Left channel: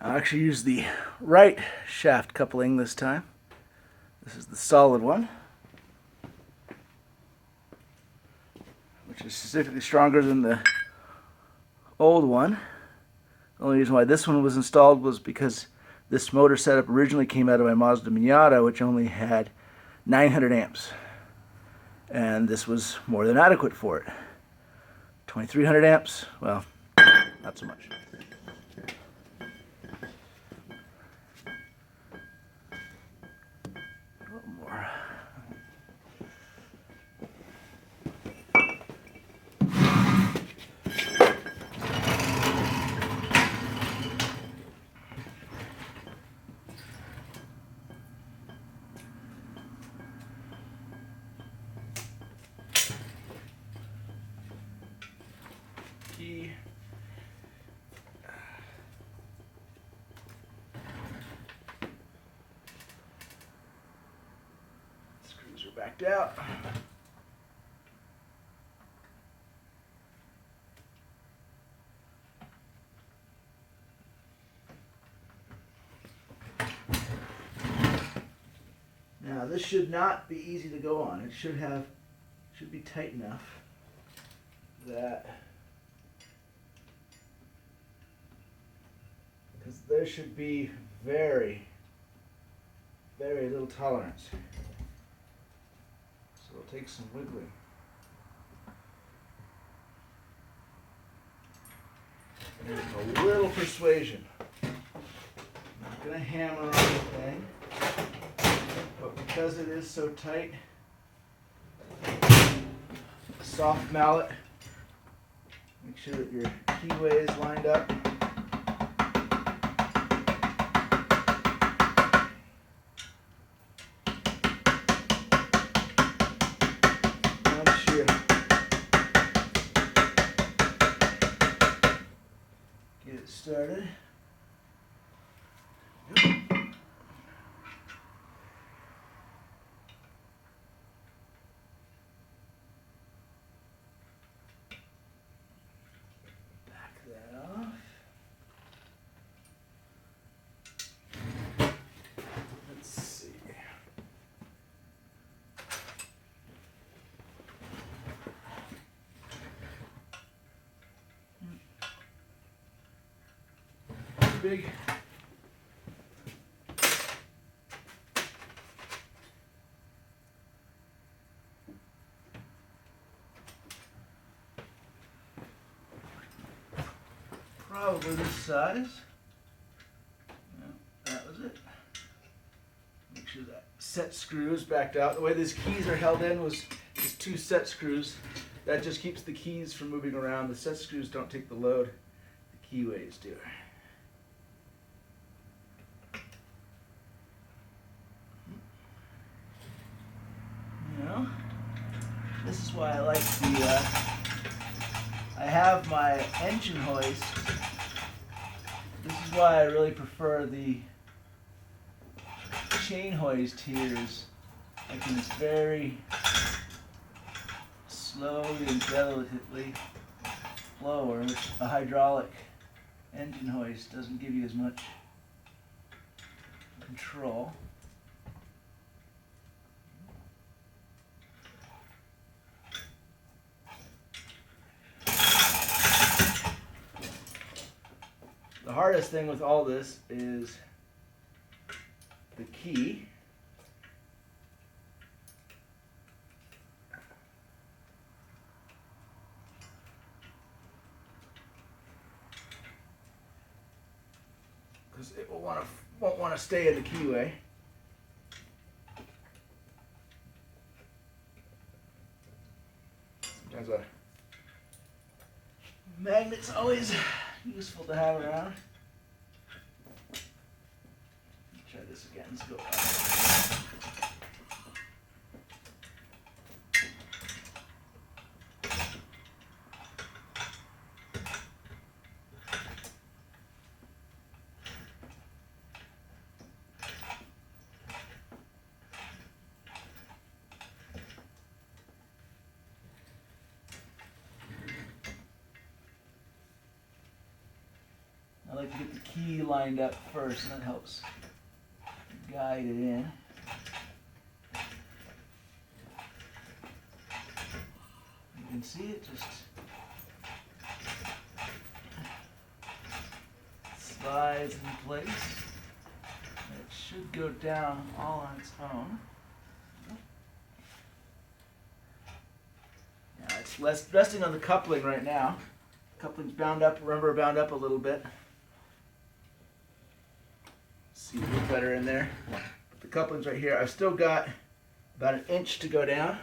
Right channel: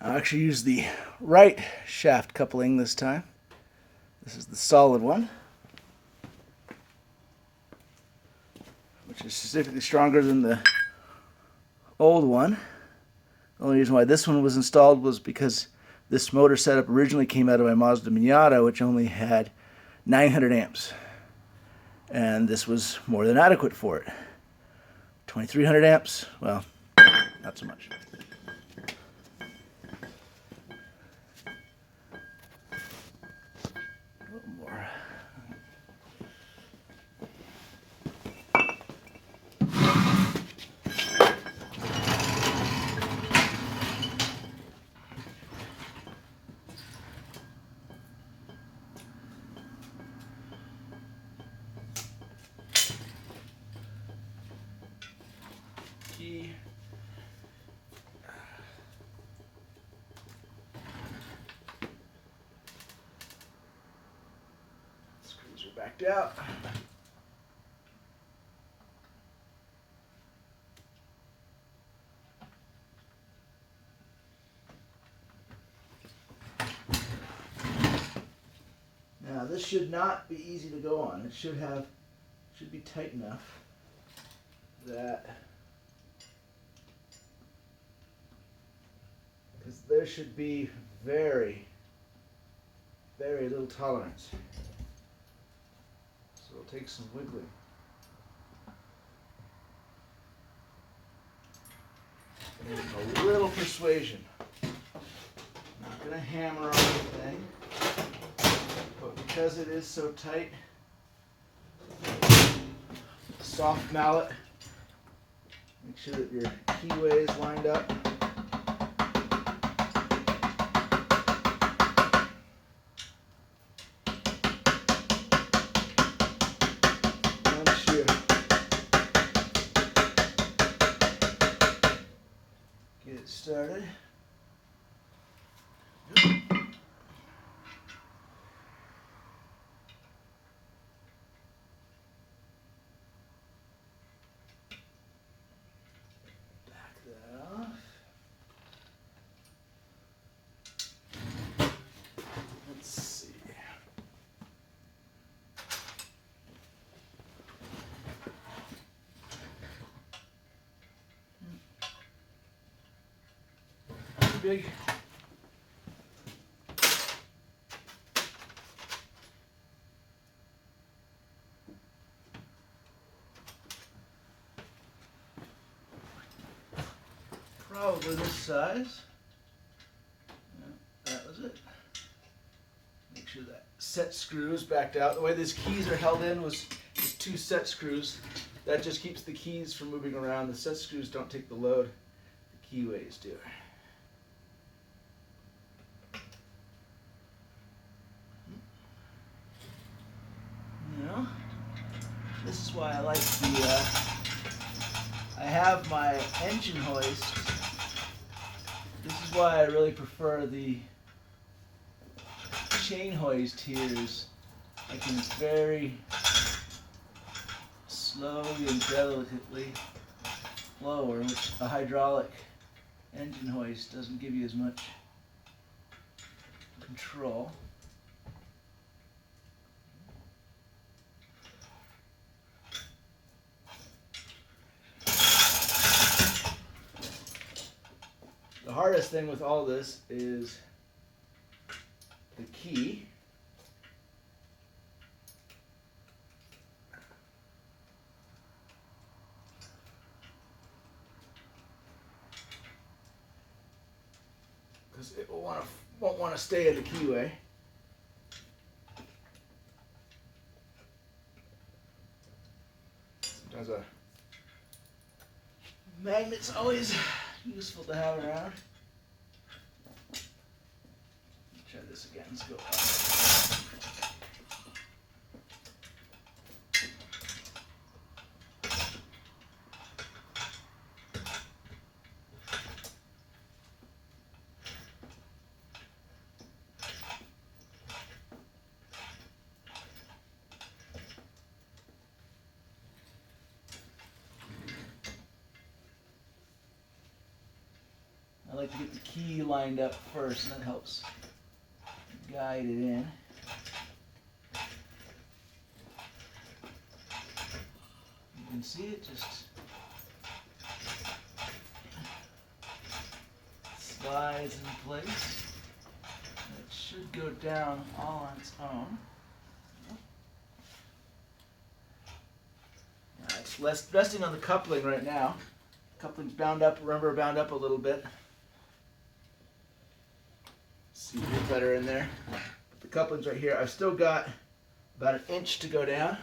I'll actually use the right shaft coupling this time. This is the solid one, which is significantly stronger than the old one. The only reason why this one was installed was because this motor setup originally came out of my Mazda Miata, which only had 900 amps. And this was more than adequate for it. 2300 amps, well, not so much. A little more. Key. Screws are backed out. Now this should not be easy to go on. It should be tight enough that, because there should be very, very little tolerance. So it'll take some wiggling. And a little persuasion. I'm not going to hammer on the thing, but because it is so tight, soft mallet, make sure that your keyway is lined up. Once you get it started, that off. Let's see. Big. Probably this size. Yeah, that was it. Make sure that set screw is backed out. The way these keys are held in was just 2 set screws. That just keeps the keys from moving around. The set screws don't take the load. The keyways do. You know, this is why I like the. I have my engine hoist. This is why I really prefer the chain hoist here. I can just very slowly and delicately lower, which a hydraulic engine hoist doesn't give you as much control. The hardest thing with all this is the key. Because it won't want to stay in the keyway. Sometimes a magnet's always useful to have around. Try this again. Let's go up. like to get the key lined up first, and that helps guide it in. You can see it just slides in place. It should go down all on its own. Now it's resting on the coupling right now. Coupling's bound up, remember, bound up a little bit. See a little better in there. The coupling's right here. I've still got about an inch to go down.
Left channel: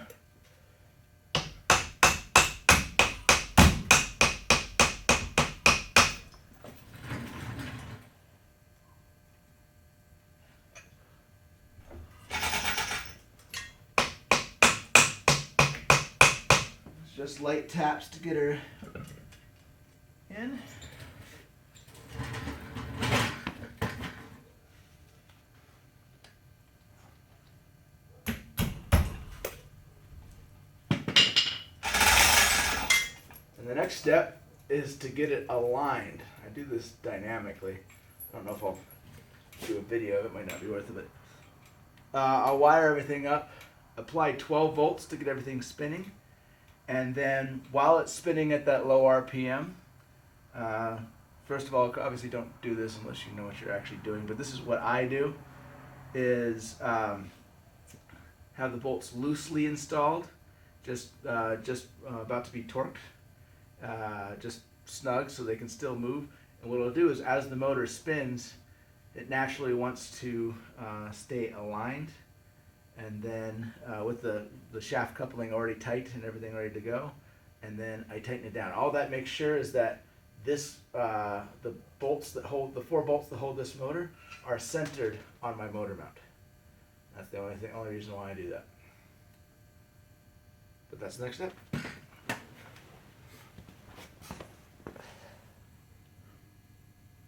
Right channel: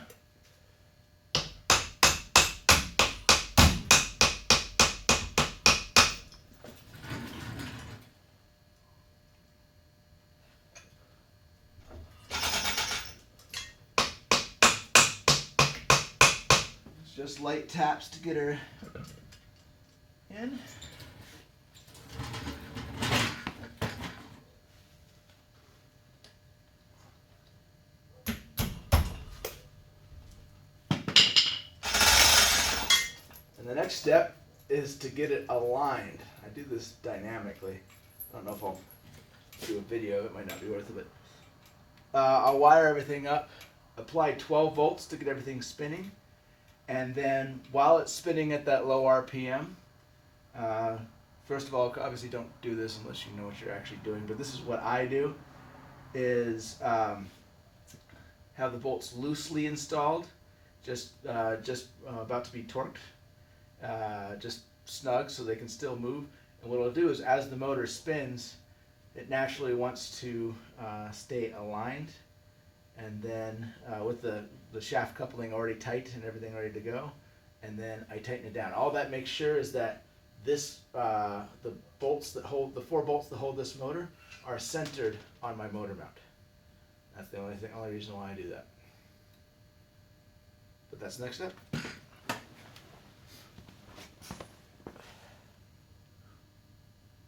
Just light taps to get her in. And the next step is to get it aligned. I do this dynamically. I don't know if I'll do a video, it might not be worth it, but I'll wire everything up, apply 12 volts to get everything spinning. And then while it's spinning at that low RPM, first of all, obviously don't do this unless you know what you're actually doing, but this is what I do, is have the bolts loosely installed, just about to be torqued, just snug so they can still move. And what it'll do is as the motor spins, it naturally wants to stay aligned. And then with the shaft coupling already tight and everything ready to go, and then I tighten it down. All that makes sure is that this the bolts that hold the 4 bolts that hold this motor are centered on my motor mount. That's the only reason why I do that. But that's the next step.